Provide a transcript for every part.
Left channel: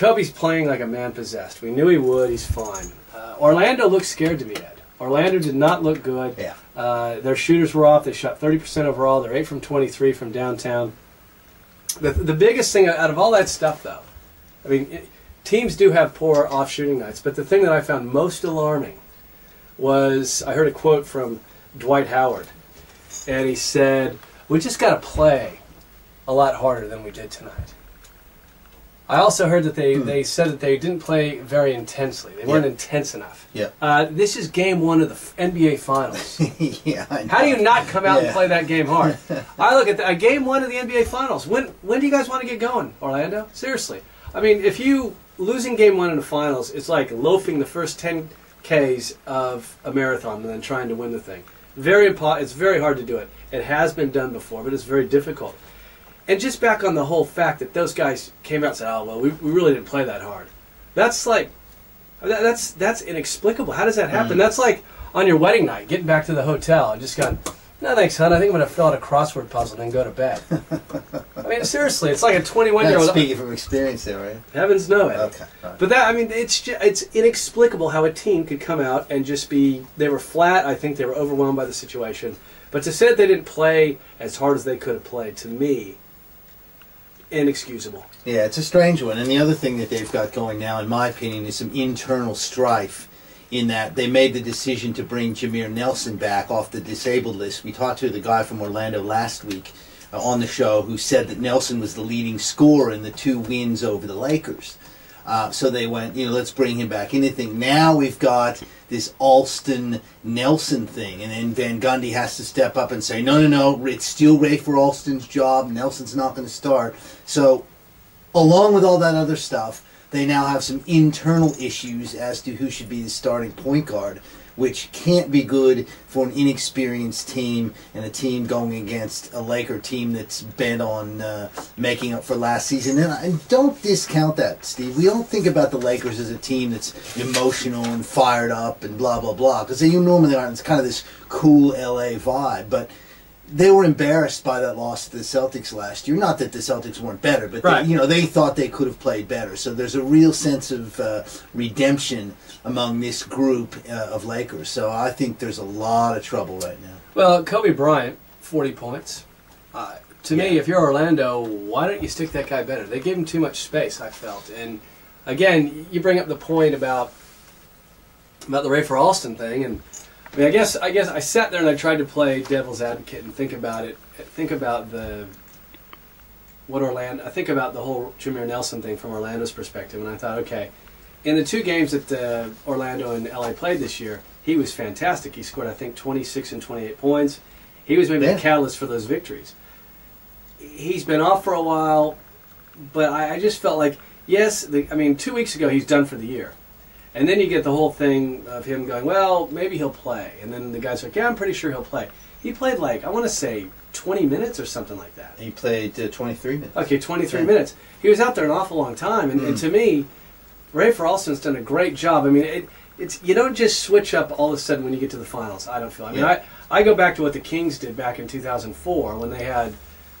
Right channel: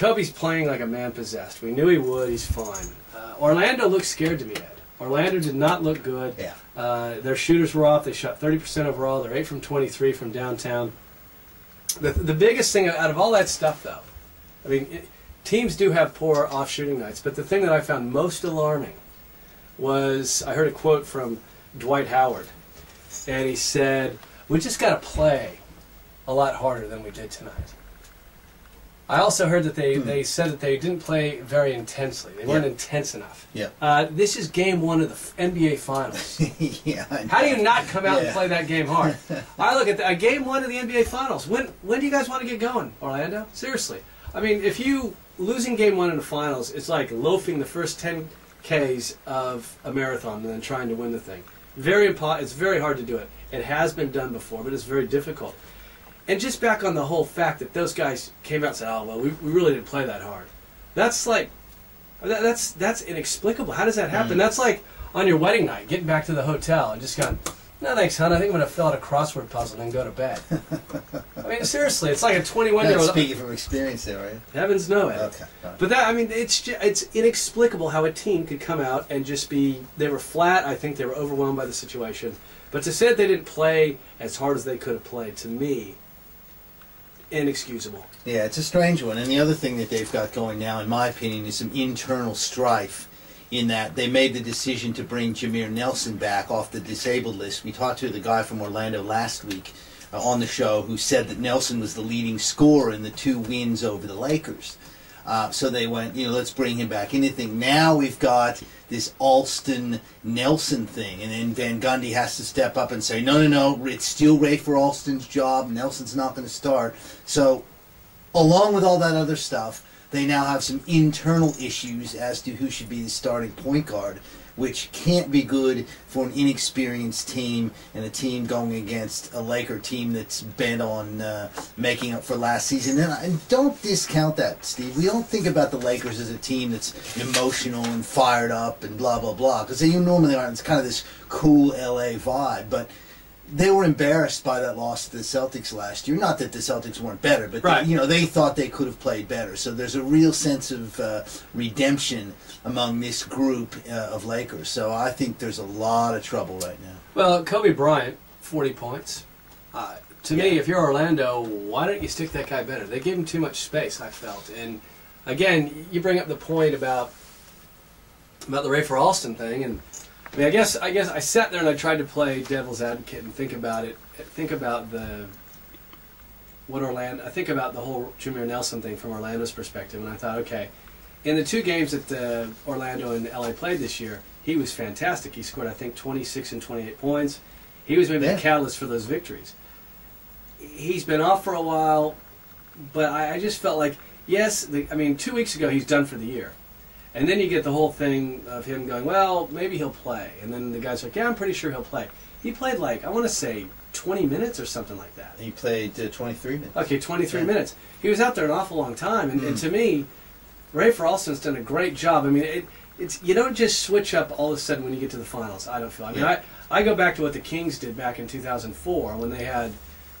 Kobe's playing like a man possessed. We knew he would. He's fine. Orlando looked scared to me, Ed. Orlando did not look good. Yeah. Their shooters were off. They shot 30% overall. They're 8 from 23 from downtown. The biggest thing out of all that stuff, though, I mean, teams do have poor off-shooting nights, but the thing that I found most alarming was I heard a quote from Dwight Howard, and he said, "We just got to play a lot harder than we did tonight." I also heard that they said that they didn't play very intensely. They weren't intense enough. Yeah. This is game 1 of the NBA Finals. Yeah. I know. How do you not come out and play that game hard? I look at game 1 of the NBA Finals. When do you guys want to get going, Orlando? Seriously. I mean, if you losing game 1 in the Finals, it's like loafing the first 10 Ks of a marathon and then trying to win the thing. It's very hard to do it. It has been done before, but it's very difficult. And just back on the whole fact that those guys came out and said, "Oh well, we really didn't play that hard." That's like, that's inexplicable. How does that happen? That's like on your wedding night, getting back to the hotel and just going, "No thanks, hon. I think I'm going to fill out a crossword puzzle and then go to bed." I mean, seriously, it's like a 21-year-old. Speaking from experience, there, right? Heavens no, Ed. Okay. Right. But it's inexplicable how a team could come out and just be. They were flat. I think they were overwhelmed by the situation. But to say that they didn't play as hard as they could have played, to me, inexcusable. Yeah, it's a strange one. And the other thing that they've got going now, in my opinion, is some internal strife in that they made the decision to bring Jameer Nelson back off the disabled list. We talked to the guy from Orlando last week on the show who said that Nelson was the leading scorer in the 2 wins over the Lakers. So they went, let's bring him back. Anything. Now we've got this Alston-Nelson thing, and then Van Gundy has to step up and say, no, it's still Rafer Alston's job. Nelson's not going to start. So along with all that other stuff, they now have some internal issues as to who should be the starting point guard, which can't be good for an inexperienced team and a team going against a Laker team that's bent on making up for last season. And don't discount that, Steve. We don't think about the Lakers as a team that's emotional and fired up and blah, blah, blah, because they normally aren't. It's kind of this cool LA vibe. But they were embarrassed by that loss to the Celtics last year. Not that the Celtics weren't better, but right. They thought they could have played better. So there's a real sense of redemption among this group of Lakers. So I think there's a lot of trouble right now. Well, Kobe Bryant, 40 points. To me, if you're Orlando, why don't you stick that guy better? They gave him too much space, I felt. And again, you bring up the point about the Rafer Alston thing, and I mean, I guess I sat there and I tried to play devil's advocate and think about it. Think about the whole Jameer Nelson thing from Orlando's perspective, and I thought, okay, in the 2 games that Orlando and LA played this year, he was fantastic. He scored, I think, 26 and 28 points. He was maybe the catalyst for those victories. He's been off for a while, but I just felt like, 2 weeks ago he's done for the year. And then you get the whole thing of him going, well, maybe he'll play. And then the guy's like, yeah, I'm pretty sure he'll play. He played I want to say 20 minutes or something like that. He played 23 minutes. Okay, 23 minutes. He was out there an awful long time. And to me, Rafer Alston's done a great job. I mean, it's you don't just switch up all of a sudden when you get to the finals, I don't feel. I mean, I go back to what the Kings did back in 2004 when they had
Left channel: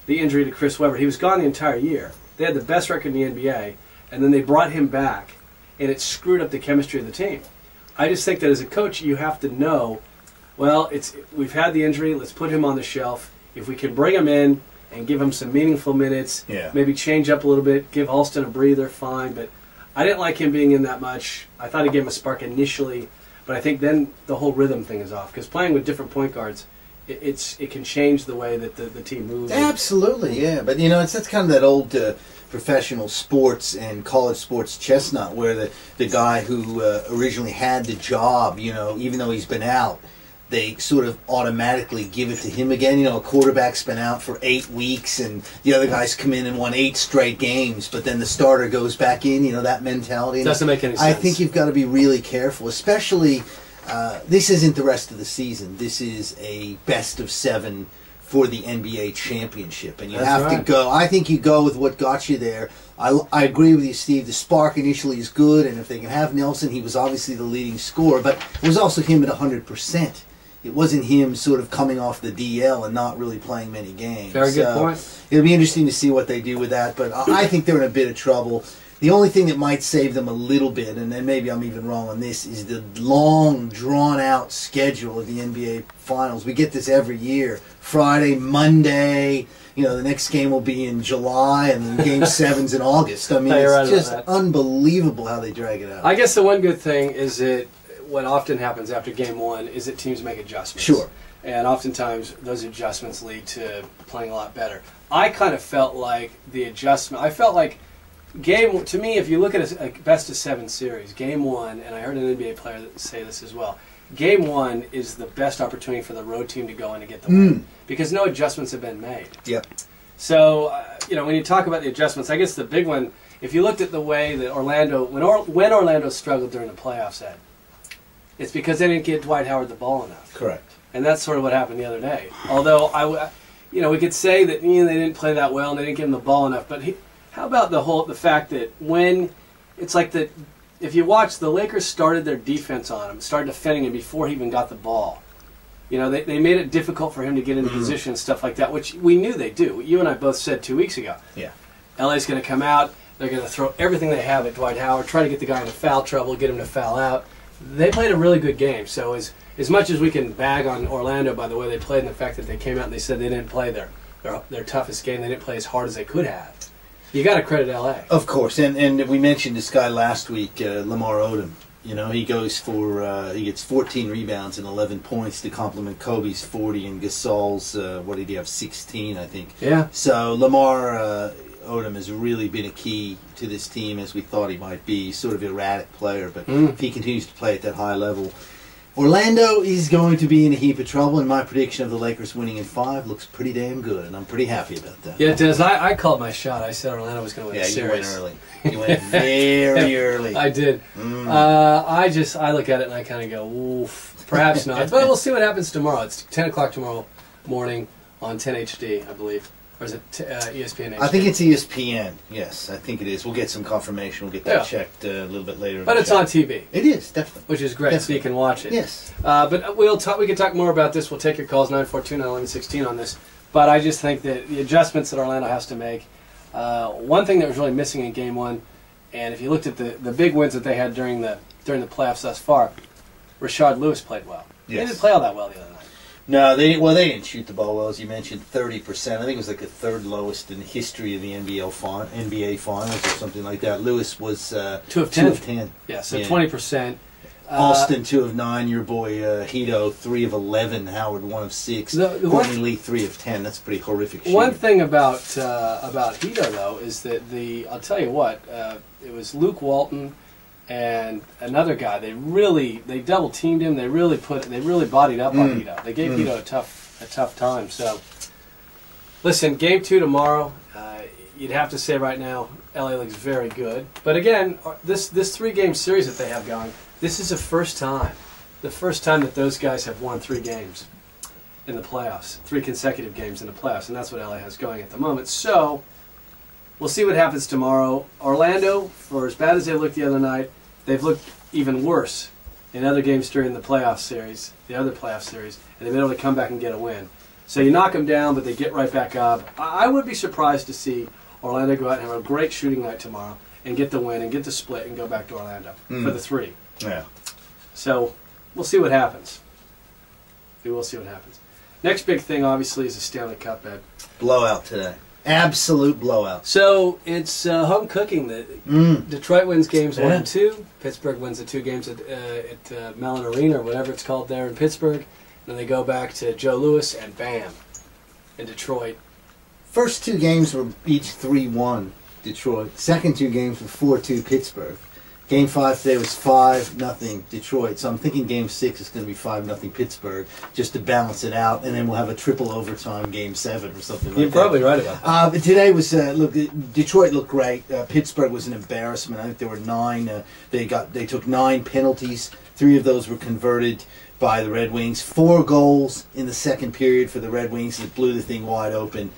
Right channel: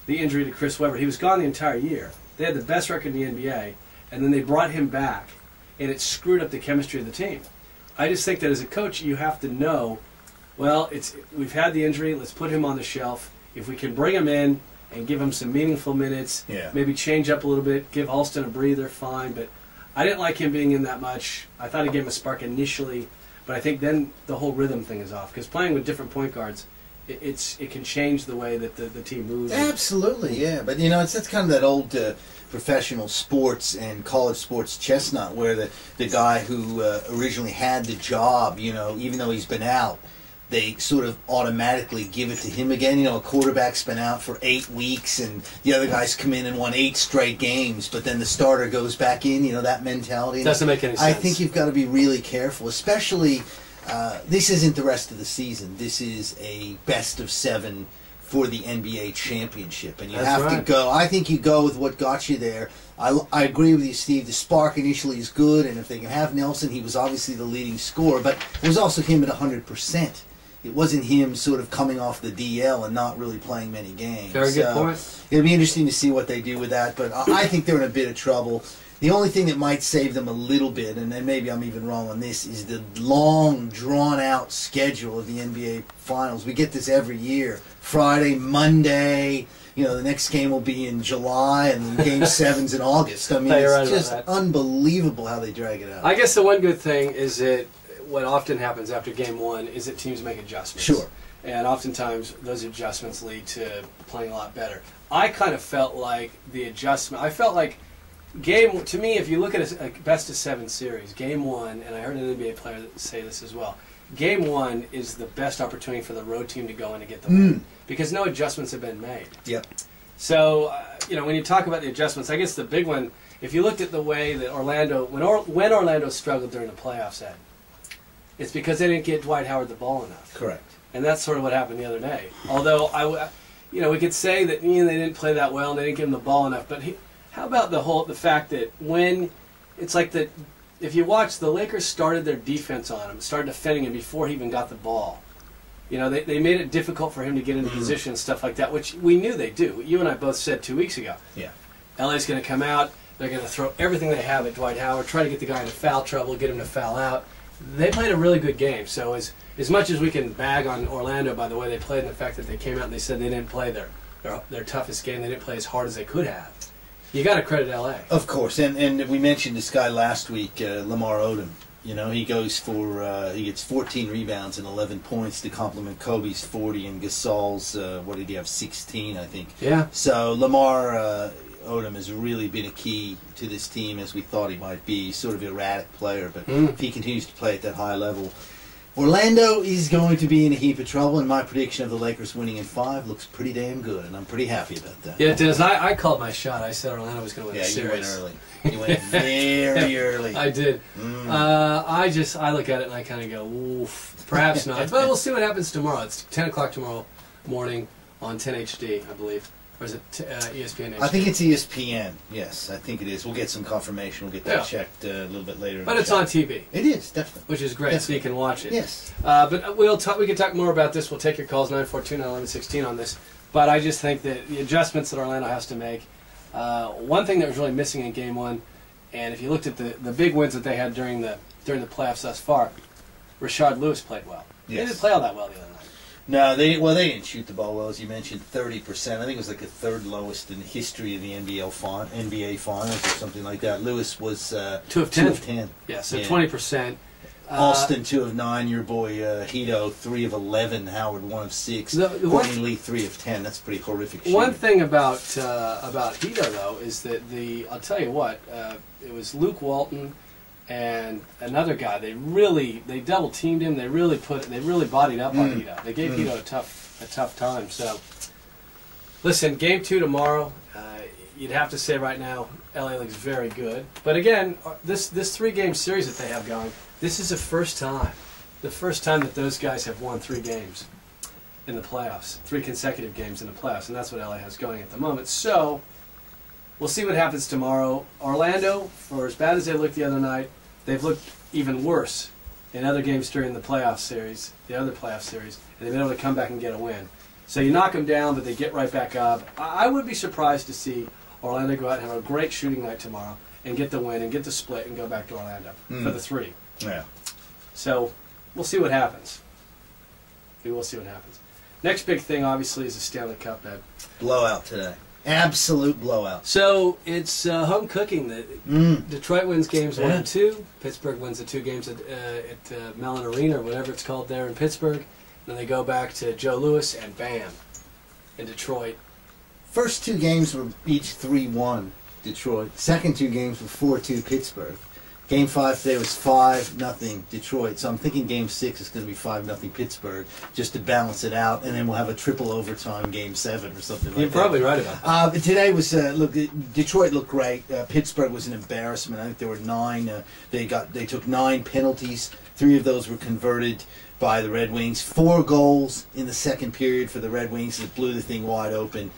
the injury to Chris Webber. He was gone the entire year. They had the best record in the NBA, and then they brought him back, and it screwed up the chemistry of the team. I just think that as a coach, you have to know, well, we've had the injury, let's put him on the shelf. If we can bring him in and give him some meaningful minutes, maybe change up a little bit, give Alston a breather, fine. But I didn't like him being in that much. I thought he gave him a spark initially, but I think then the whole rhythm thing is off. Because playing with different point guards, it can change the way that the team moves. Absolutely, yeah. But, that's kind of that old professional sports and college sports chestnut where the guy who originally had the job, even though he's been out, they sort of automatically give it to him again. A quarterback's been out for 8 weeks and the other guys come in and won 8 straight games, but then the starter goes back in, that mentality. Doesn't make any sense. I think you've got to be really careful, especially this isn't the rest of the season. This is a best of 7 for the NBA championship, and you have to go. I think you go with what got you there. I agree with you, Steve. The spark initially is good, and if they can have Nelson, he was obviously the leading scorer, but it was also him at 100%. It wasn't him sort of coming off the DL and not really playing many games. Very good point. It'll be interesting to see what they do with that, but I think they're in a bit of trouble. The only thing that might save them a little bit, and then maybe I'm even wrong on this, is the long, drawn-out schedule of the NBA Finals. We get this every year. Friday, Monday, you know, the next game will be in July, and then Game 7's in August. I mean, it's just unbelievable how they drag it out. I guess the one good thing is that what often happens after Game 1 is that teams make adjustments. Sure. And oftentimes those adjustments lead to playing a lot better. I kind of felt like the adjustment, I felt like to me, if you look at a best-of-7 series, Game 1, and I heard an NBA player say this as well, Game 1 is the best opportunity for the road team to go in and get the win because no adjustments have been made. Yep. So, you know, when you talk about the adjustments, I guess the big one, if you looked at the way that Orlando, when Orlando struggled during the playoffs, Ed, it's because they didn't get Dwight Howard the ball enough. Correct. And that's sort of what happened the other day. Although, you know, we could say that they didn't play that well and they didn't give him the ball enough, but how about the fact that when it's like if you watch, the Lakers started their defense on him, started defending him before he even got the ball. You know, they made it difficult for him to get into position and stuff like that, which we knew they'd do. You and I both said 2 weeks ago. Yeah. LA's going to come out, they're going to throw everything they have at Dwight Howard, try to get the guy into foul trouble, get him to foul out. They played a really good game. So as much as we can bag on Orlando by the way they played and the fact that they came out and they said they didn't play their toughest game, they didn't play as hard as they could have, you got to credit LA. Of course, and we mentioned this guy last week, Lamar Odom. You know, he goes for he gets 14 rebounds and 11 points to complement Kobe's 40 and Gasol's what did he have, 16, I think. Yeah. So Lamar Odom has really been a key to this team as we thought he might be. He's sort of an erratic player, but if he continues to play at that high level, Orlando is going to be in a heap of trouble, and my prediction of the Lakers winning in 5 looks pretty damn good, and I'm pretty happy about that. Yeah, it does. I called my shot. I said Orlando was going to win the series. You went early. You went very early. I did. I look at it and I kind of go, oof, perhaps not. But we'll see what happens tomorrow. It's 10 o'clock tomorrow morning on 10 HD, I believe. Or is it ESPN HD? I think it's ESPN. Yes, I think it is. We'll get some confirmation. We'll get that checked a little bit later. But it's on TV. It is, definitely. Which is great, so you can watch it. Yes. But we can talk more about this. We'll take your calls, 942-911-16 on this. But I just think that the adjustments that Orlando has to make, one thing that was really missing in Game 1, and if you looked at the big wins that they had during the playoffs thus far, Rashard Lewis played well. Yes. He didn't play all that well the other night. No, they didn't shoot the ball well, as you mentioned, 30%. I think it was like the third lowest in the history of the NBA Finals or something like that. Lewis was 2 of 10. 2 of 10. Yeah, so 20%. Alston 2 of 9. Your boy Hito 3 of 11. Howard 1 of 6. Courtney Lee 3 of 10. That's pretty horrific. One thing about Hito though is that I'll tell you what, it was Luke Walton and another guy. They double teamed him. They really bodied up on Hito. They gave Hito a tough time. So listen, Game 2 tomorrow. You'd have to say right now, LA looks very good. But again, this 3-game series that they have going, this is the first time that those guys have won 3 games in the playoffs, 3 consecutive games in the playoffs, and that's what LA has going at the moment. So we'll see what happens tomorrow. Orlando, for as bad as they looked the other night, they've looked even worse in other games during the playoff series, the other playoff series, and they've been able to come back and get a win. So you knock them down, but they get right back up. I would be surprised to see Orlando go out and have a great shooting night tomorrow and get the win and get the split and go back to Orlando for the 3. Yeah. So we'll see what happens. We will see what happens. Next big thing, obviously, is the Stanley Cup, Ed. Blowout today. Absolute blowout. So it's home cooking. Detroit wins games 1 and 2. Pittsburgh wins the 2 games at Mellon Arena or whatever it's called there in Pittsburgh. And then they go back to Joe Louis and bam, in Detroit. First 2 games were each 3-1 Detroit. Second 2 games were 4-2 Pittsburgh. Game 5 today was 5-0 Detroit. So I'm thinking Game 6 is going to be 5-0 Pittsburgh, just to balance it out, and then we'll have a triple overtime Game 7 or something like that. You're probably right about that. But today was look. Detroit looked great. Pittsburgh was an embarrassment. I think there were 9. They took 9 penalties. 3 of those were converted by the Red Wings. 4 goals in the second period for the Red Wings that blew the thing wide open.